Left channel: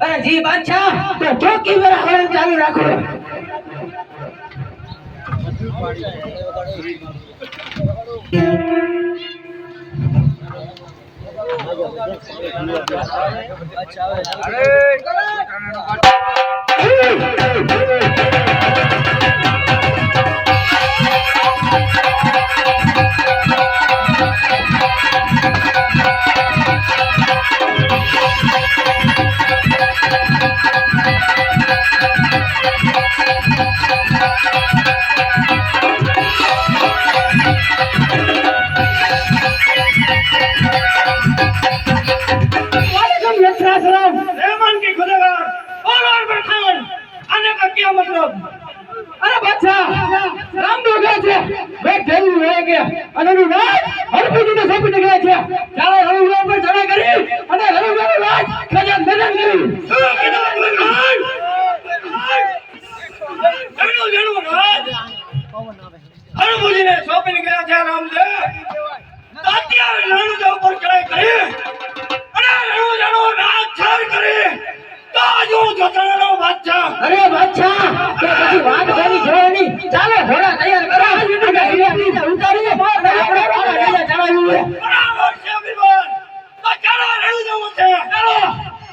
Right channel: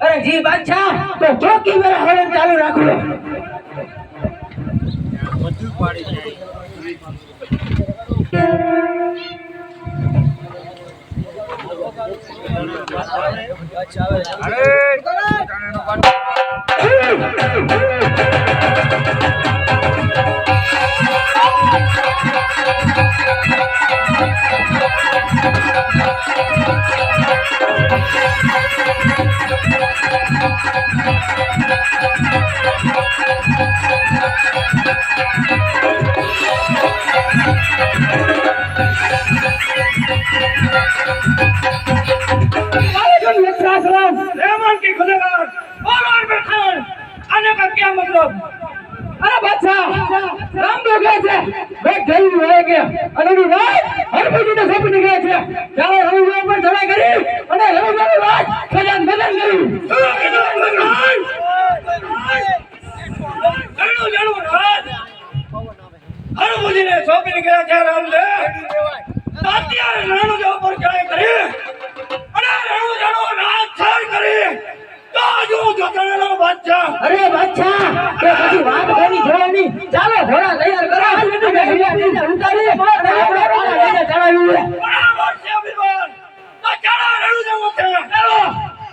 अरे जी बादशाह तो चौकी में हवन चालू रखो अरे बादशाह राम लोग છે બેટ જઈ રહે કે અને રાજ હરભુજી ને સોંપી ગયા છે ચાલો રવિવાર પર ચડાઈ કરી અને રવિવાર રાજ ખજાન કરી હરભુજી ને સોંપી ગયા છે રામદેવ તાત્યા રણુ દેવ પર ચડાઈ કરી અને રણુ જાનો રાજ છાડ કરી તાજો જતણનો બાદશાહ અરે બાદશાહ કે પછી વાત કરી જોવાની ચાલો ઘોડા તૈયાર કરો અને હિલા ઉતારી અને આપણે વાળા લઈને ચડાવ્યું બરાબર છે વિવાન તો ચાલો રણુ દેવ છે ચાલો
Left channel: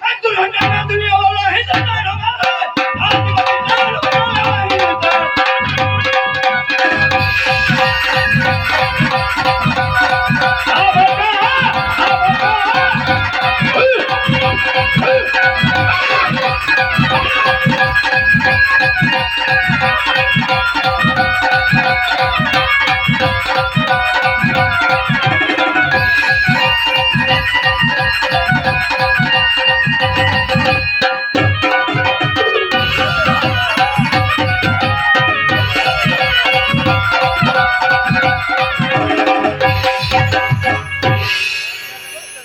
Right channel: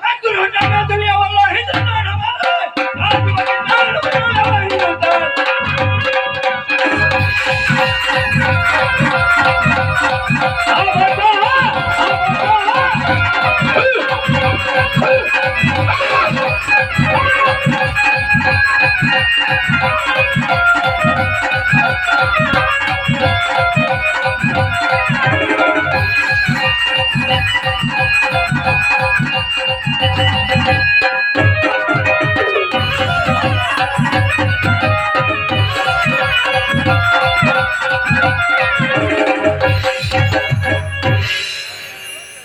એક દુર્ઘટના ના દુનિયા વાળા હિંદુસ્તાન હમારે આજ બની જાન વાળા હિંદુસ્તાન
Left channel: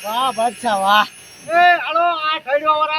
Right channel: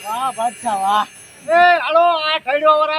વાહ બાદશાહ વાહ એ હાલો આ ખડ્યો